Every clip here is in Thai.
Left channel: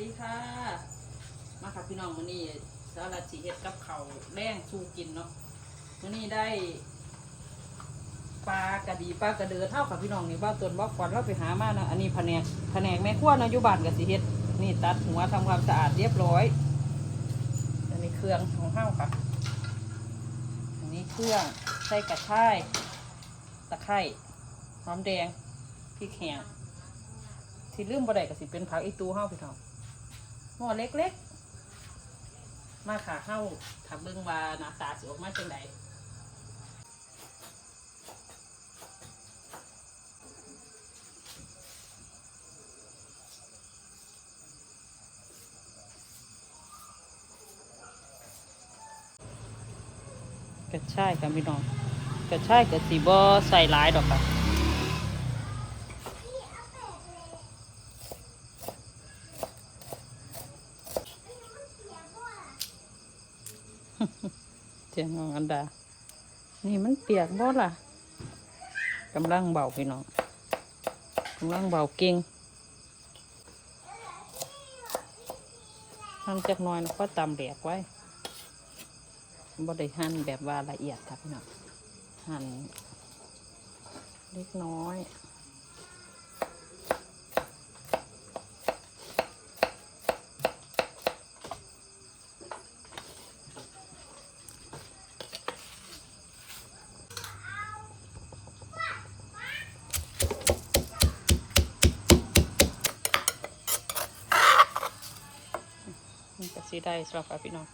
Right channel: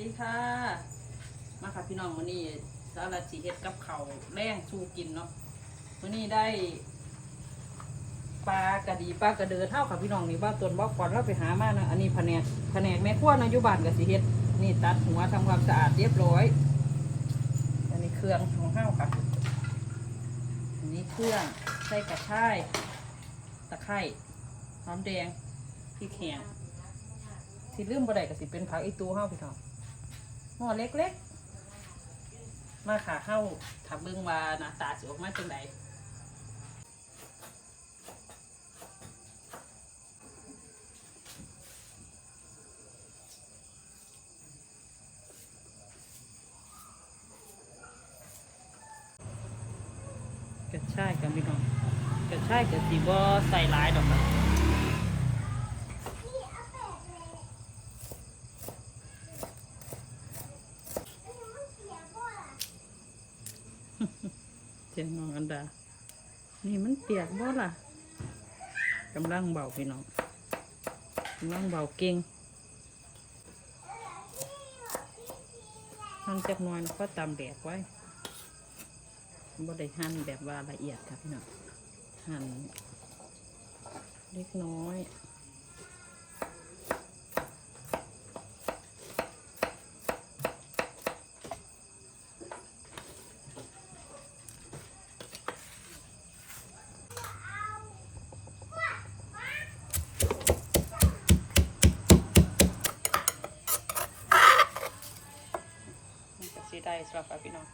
ดีค่ะ มาค่ะพี่น้องมื้อนี้สารสิเฮ็ดกับเขาแรงสู้กินเนาะมื้อนี้ได้ปลากระดีปลากระเดือเท่ากับพี่น้องนี่บ้าตัวบ่ก่อนเราไปหามานะอันนี้แผนกแผนกแม่ครัวนาะอยู่บ้านก็สิเฮ็ดนี่ตัดหัวทำความสะอาดเรียบร้อย อันนี้เครื่องของเฮาค่ะ อันนี้เครื่องใส่กระชายตะไคร้หอมแดงพริกแห้งสิลืมบ่ได้ก็สิเป็นผักอีตูเฮาพี่น้อง หม้อเล็กๆ มาค่ะเฮาถ้าเบิ่งว่าหน้าตาสิออกมาจังไดกระชายค่ะพี่น้องกระชายก็สิบ่ใส่หลายดอกค่ะ เสียงของอันดา นี่มัน เปียกบ่ล่ะกำลังเบาพี่น้องกำลังเบาเก่งหั่นจักน้อยแล้วก็ตำแดกไว้บ่ได้หั่นแบบว่าละเอียดครับพี่น้องหั่นเล็กน้อย มัน ก็สีได้สำหรับพี่น้อง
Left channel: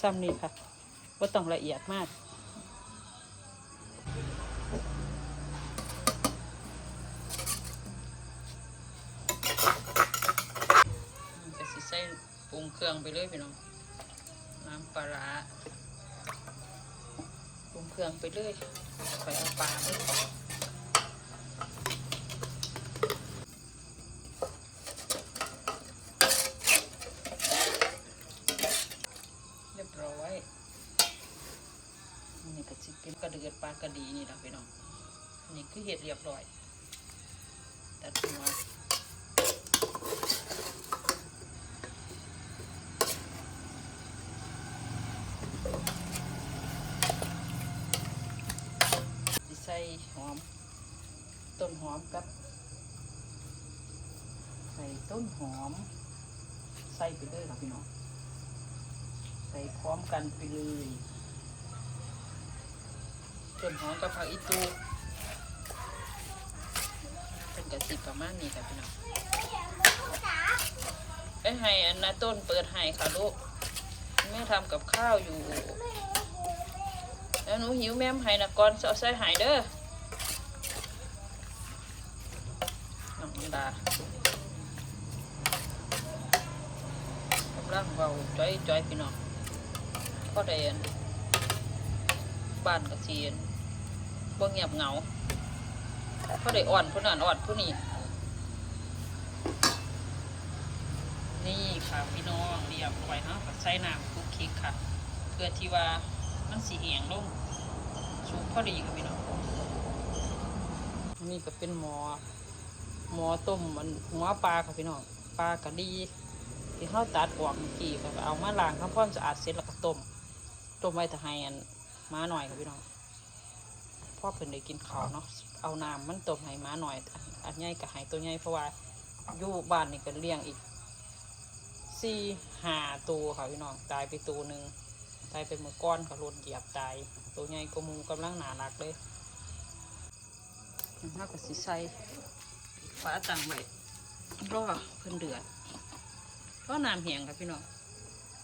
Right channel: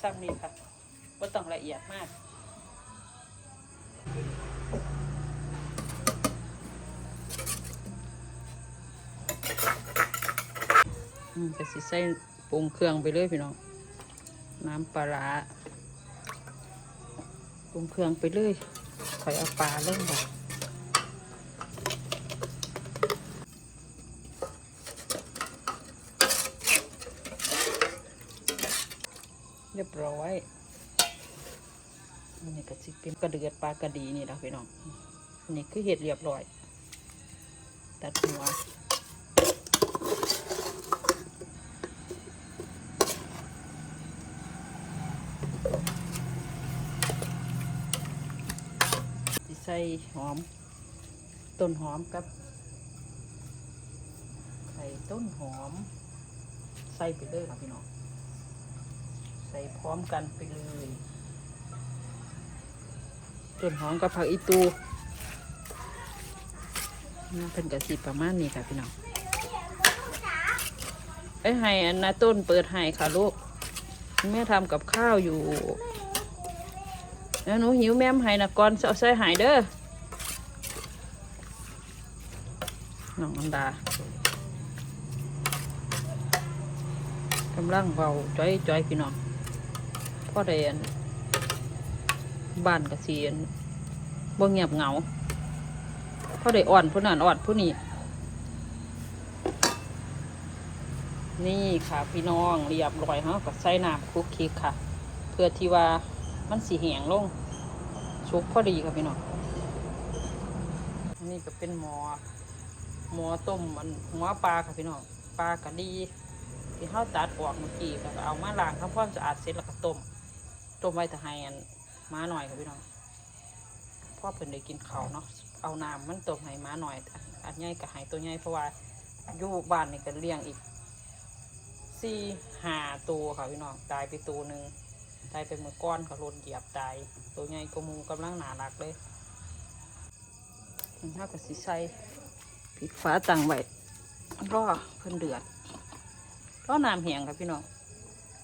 ซ้ำนี้ค่ะว่าต้องละเอียดมากอืมก็สิใส่ปรุงเครื่องไปเลยพี่น้อง น้ำปลาร้าปรุงเครื่องไปเลยใส่เอาปลาเลย เรียบร้อยนี่ก็สิเป็นกระเดือดปลากระดีนี่นะพี่น้องนี่คือเห็ดเรียบร้อย ตัดหัวใส่หอม ต้นหอมแป๊บใส่ต้นหอม ใส่ไปเลยค่ะพี่น้อง ส่พร้อมกันไปเลยต้นหอมกับผักอีตูนี่เป็นกระสิประมาณนี้ค่ะพี่น้องไอ้ยให้อันนาต้นเปิดให้ค่ะลูกแม่ทำกับข้าวอยู่แล้วหนูหิวแม่มให้นะก่อนเอาใส่ใหายเด้อน้องดากำลังเบาจ้อยจ้อยพี่น้อง พ่อเดนบ้านกระเสียนบ่เงียบเหงาพอได้อ่อนผู้นั้นอ่อนผู้นี้นี่ค่ะพี่น้องเรียบร้อยฮะก็ใส่น้ำคลุกคลิกค่ะ เพื่อที่ว่ามันสีแหงลงสุกพอดีครับพี่น้องนนี้ก็เป็นหมอ หมอต้มมันหัวปลาค่ะพี่น้องปลากระดีที่เขาตัดออกเมื่อกี้ก็เอามาล้างทำความสะอาดเสร็จแล้วก็ต้ม ต้มไว้แต่ให้อันม้าหน่อยค่ะพี่น้องพ่อเพิ่นได้กินข้าวเนาะเอาน้ำมันต้มให้ม้าหน่อยอันใหญ่ก็ให้ตัวใหญ่เพราะว่าอยู่บ้านนี่ก็เลี้ยงอีกสี่ห้าตัวค่ะพี่น้องตายไปตัวหนึ่งตายไปเมื่อก้อนค่ะรถเหยียบตายตัวใหญ่ก็มูกำลังหนารักเลยถ้ากับสีใสปิดฟ้าตังไว้รอเพิ่นเดือดก็น้ำแห้งค่ะพี่น้อง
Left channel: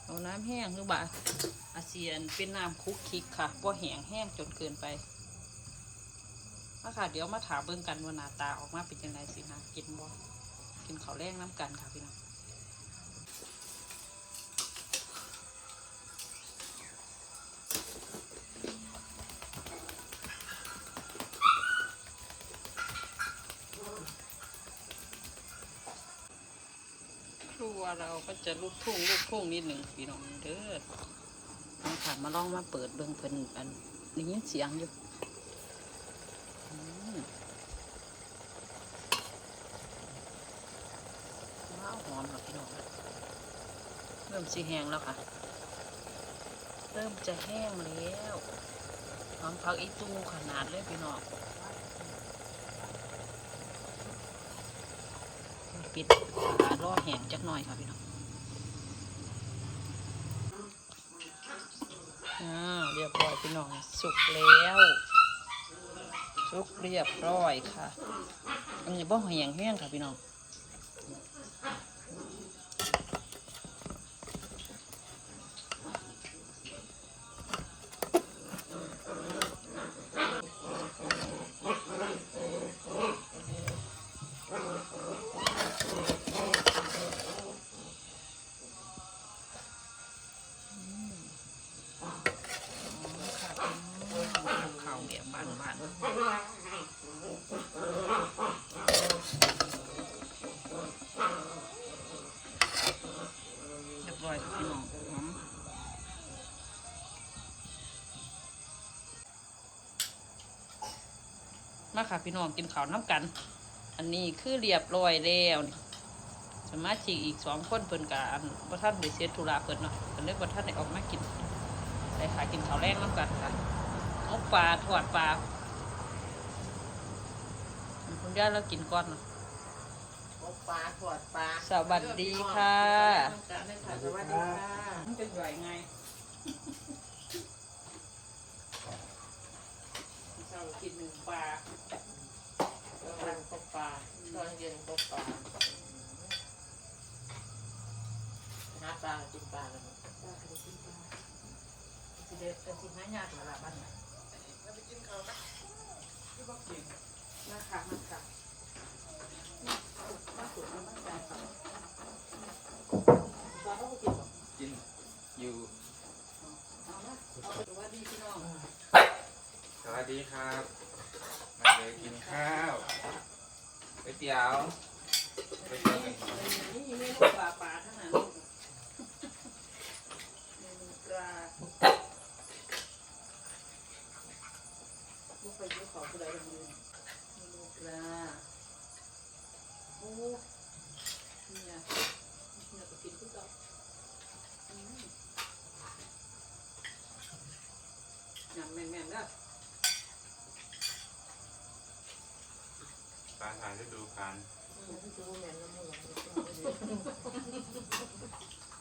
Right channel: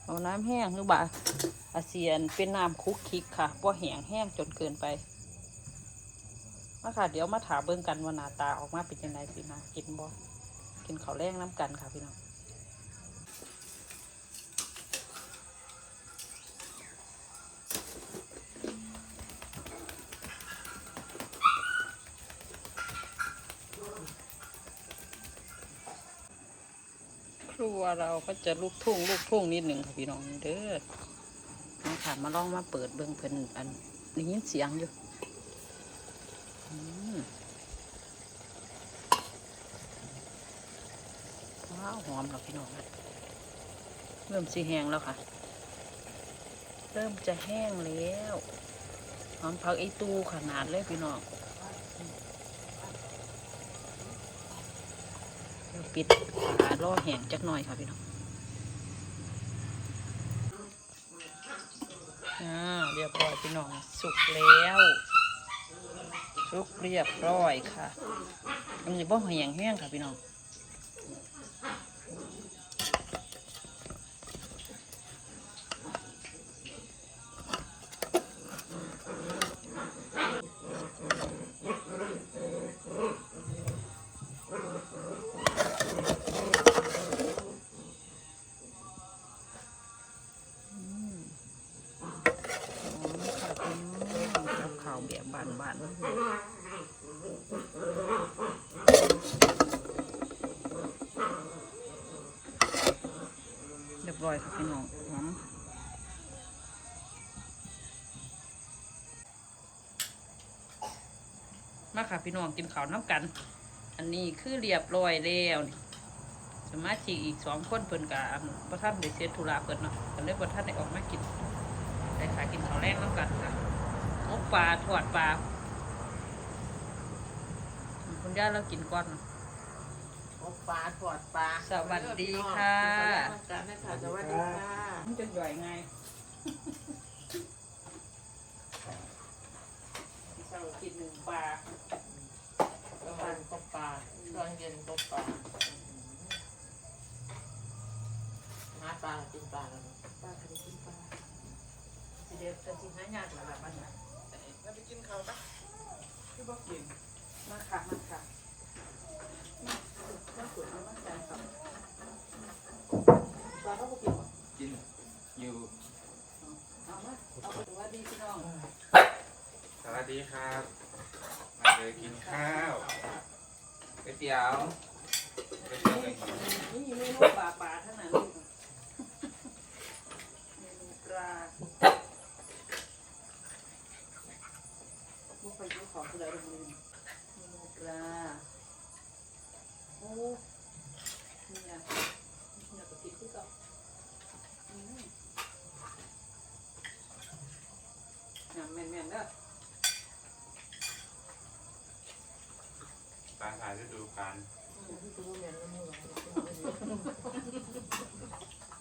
เอาน้ำแห้งหรือบ่า อาเซียนเป็นน้ำคุกคิกค่ะเพราะแห้งแห้งจนเกินไปมาค่ะ เดี๋ยวมาถามเบิ่งกันว่าหน้าตาออกมาเป็นยังไงสินะกินบ่กินข้าวแรงน้ำกันค่ะพี่น้องครัวเราก็จะลูกทุ่งลูกทุ่งนิดหนึ่งค่ะพี่น้องเด้อ มาค่ะ มาลองมาเปิดเบิ่งเพิ่นอันได้ยินเสียงอยู่อืมว้าวหอมค่ะพี่น้องเริ่มสีแห้งแล้วค่ะ เริ่มจะแห้งแล้วหอมผักอีตูขนาดเลยพี่น้องปิดฝาล่อแห้งจักหน่อยค่ะพี่น้อง อ่าเรียบร้อยพี่น้องสุกแล้วสุกเรียบร้อยค่ะอันนี้บ่แห้งแห้งค่ะพี่น้อง พี่น้องหอมมาค่ะพี่น้องกินข้าวน้ำกัน อันนี้คือเรียบร้อยแล้วนี่สมาชิกอีกสองคนเพิ่นกับพระท่านไปเสียธุระเพิ่นเนาะก็เลยพระท่านได้ออกมากินไปหากินข้าวแรงน้ำกันค่ะนกปลาทอดปลาคุณย่าเรากินก้อนเนาะ โอ้ปลาถอดปลาสวัสดีค่ะสวัสดีค่ะสวัสดีค่ะมันจะย่อยไงเช้ากินหนึ่งปลาตอนวันก็ปลาตอนเย็นก็ปลาหาปลากินปลากันเนาะปลาก็ได้กินปลาสิเด็ดกันสิหายากหรอล่ะบ้านนี้มาค่ะมาค่ะมา มาขุดเอามาจังค่ะปลาเขาก็กินหรอกินอยู่เอามาเอาไปสวัสดีพี่น้องสวัสดีครับมาเลยกินข้าวก๋วยเตี๋ยวก๋วยเตี๋ยวไก่ นี่เมนูปลาปลาทั้งนั้นลูกเมนูปลาบุฟเฟ่ต์ขอผู้ใดลงมือเมนูปลาโอ้เนี่ยเนี่ยก็กินคือเก่าอืมยำแม่นๆเด้อปลาถ่ายฤดูกาลดูแม่น้ำมูก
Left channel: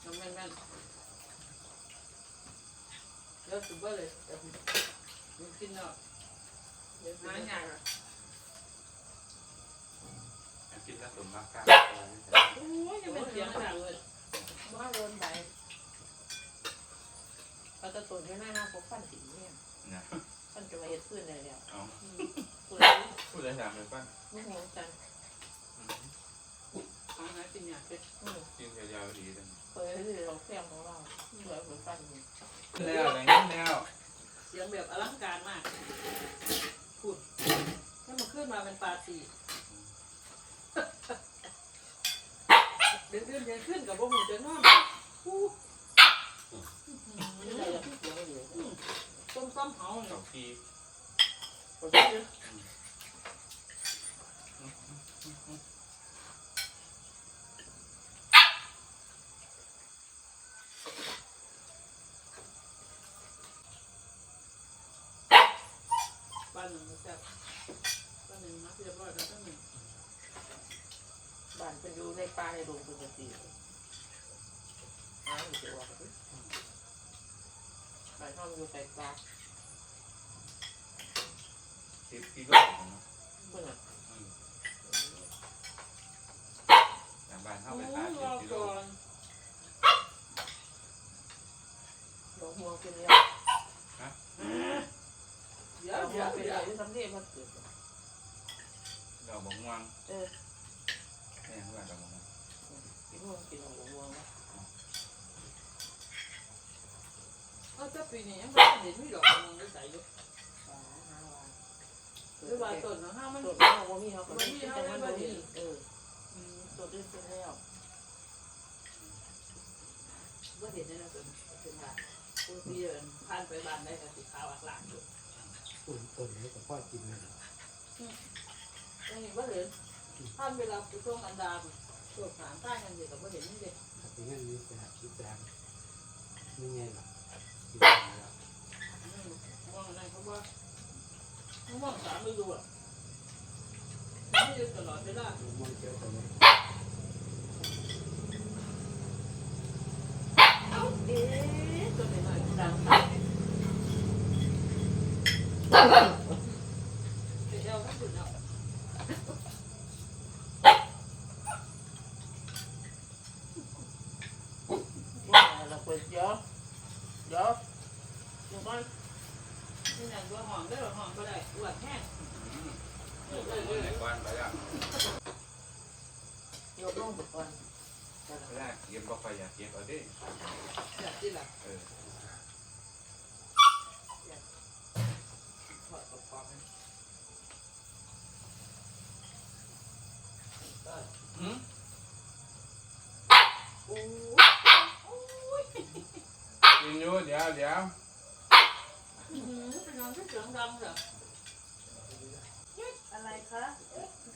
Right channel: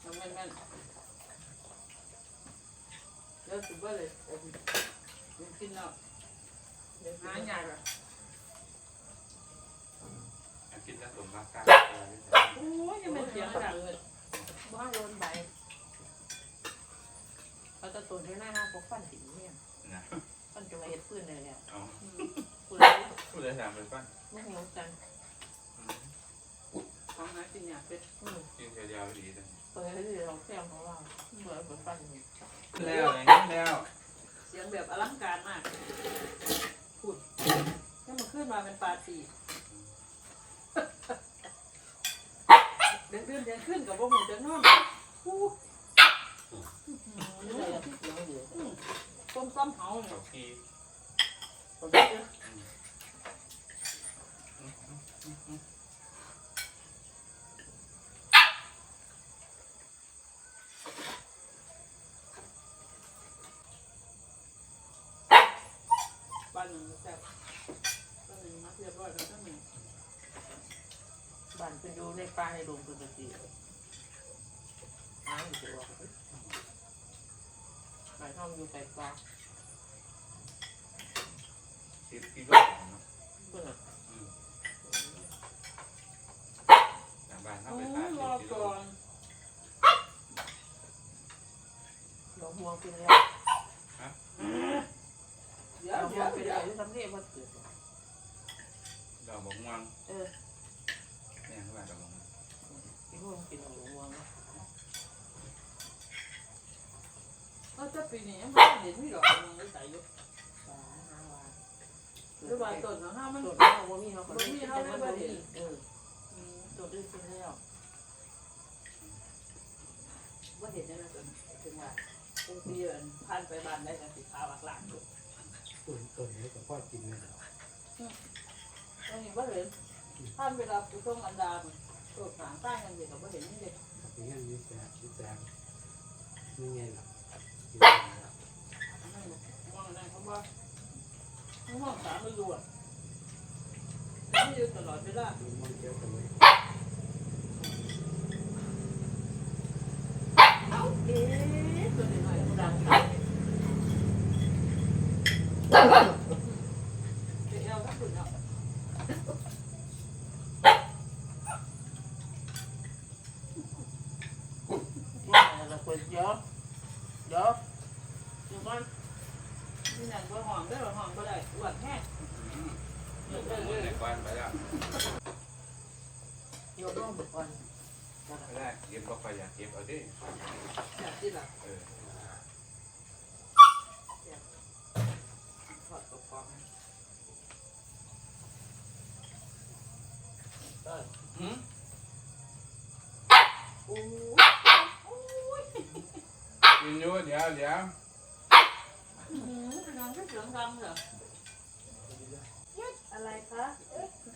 ยำแม่นๆเดี๋ยวสุดเบอร์เลยเดี๋ยวกินแล้วเดี๋ยวหาหยยากอะ กินผสมกับกา โอ้ ยยังเป็นเสียงขนาดเลยบ้านโดนใบเขาจะตัวที่หน้าห้าพกฟันสีเนี่ยนะฟันจะมาเห็ดพื้นได้แล้วเอาคุณรู้พูดเลยถามเลยป้าลูกน้องจันของหากินยากเป็ดอืมกินยาวๆดีจังเปิดให้ลองแซมของเราเปิดเปิดฟันอยู่แล้วอย่างนี้แล้วเสียงแบบอลังการมากพูดให้มันขึ้นมาเป็นปาตี เดินขึ้นเดินขึ้นกับพวกหมูจะนอนพูดไม่ได้ยังไม่ต้มซ้ำเผาเลเขายพี่ผมได้เยอะปลาหนึ่งแซ่บปลาหนึ่งมาเรียบร้อยกันตั้งหนึ่ง บ้านเป็นอยู่ในป่าในดงปกติหาอยู่ตัวบ้านห้องอยู่ไกลปลาสิบกิโลเนาะเพื่อนจากบ้านเข้าโอ้ไปยตามรอสิบกิโลก่อนหลวงห่วงเป็นแล้วเดี๋หยวลวงห่เดี๋วยวงเป็นเดี๋ยวแล้วที่ทำเรียบมาเกิดดอกบกม่วงเออ เนี่ยเข้าไปดอกบกม่วงที่พวกกินของหลวงห่วงเอาจะปีนี้ยังไม่เห็นมีดอกมะม่วงได้ใส่อยู่ปลาห้าวานหรือว่าต้นนะฮะมันตัวนี้เขามีเขาก็ไม่กินแต่มันบ่มีเอออืมตัวอื่นเป็นแล้วว่าเห็นได้แล้วต้นถึงว่าคนที่เดินผ่านไปบ้านได้กันสีขาวอักหลานอยู่ต้นต้นนี้ก็พ่อกินเลยนะตรงนี้ว่าเห็น ผ่านเวลาไปช่วงอันดาบตัวขางใต้กันเด็กก็ว่าเห็นนี่เด็กถ้าเป็นงั้นมีแต่มีแต่างนี่ไงหรอกินแล้วว่างได้เขาว่าว่างสามไม่อยู่อะไม่อยู่ตลอดเวลามันมองเที่ยวตรงนี้เอ้าเอ๊ะตัวไหนหน่อยดังไปเอาทั้งสุดเนาะว่าเราควรเดี๋ยว เดี๋ยวอยู่บ้านที่ไหนบัวหอมได้หรอหอมก็ได้อวดแห้งอืมยกมือในก้อนไปแล้วยกลงก่อนไม่ได้เก็บก็ไปอยากเก็บเอาดิอยากที่ละเออถอดกระป๋องหืมโอ้ กินอยู่ เดี๋ยวเดี๋ยวยน้องที่เสียงดังเหรออะไรคะ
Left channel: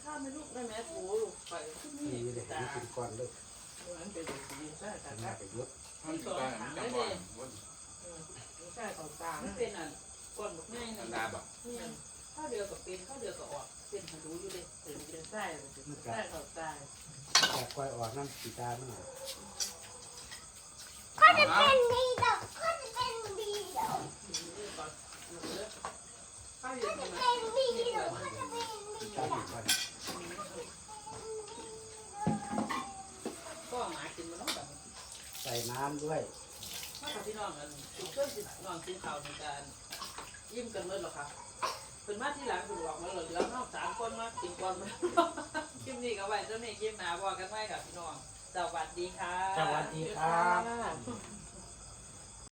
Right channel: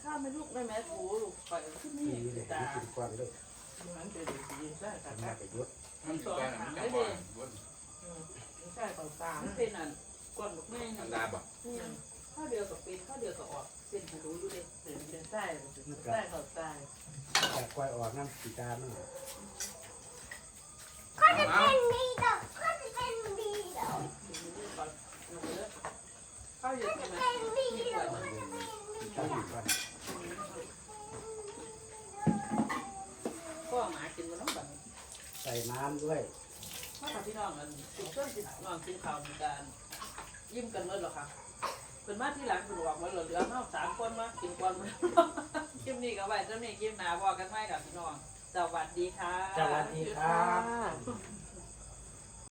ข้าวไม่ลูกได้ไหมถูลูกไปขึ้นนี่นี่เลยตากินก้อนเลยเหมือนเป็นสีใช่แต่ทำหน้าไปยุดมันสิไปมันจะบ่อนบ่อนใช่ต่อตามันเป็นอันก้อนแบบง่ายอันนี่ดาบอกข้าวเดียวกับเป็นข้าวเดียวกับออดเป็นหูดูอยู่เลยเป็นเป็นไส้ไส้ต่อตาแต่กล้วยออกน้ำสีตามั นเอาข้าวเดียวใช่ไหมสีตาอยู่ก้อนก็หมากินมันต้องแบบใส่น้ำด้วยถ้าพี่น้องนั้นจุดเชื่อมจิตนอนกินข้าวในการยิ้มกันเมื่อหรอคะเป็นมาที่หลังคุณบอกว่าเหลือเท่าสามคนมากินก่อนมันคลิปนี้ก็ไว้เจ้านี้คลิปหนาบอกกันไว้กับพี่น้อง สวัสดีค่ะ สวัสดีครับ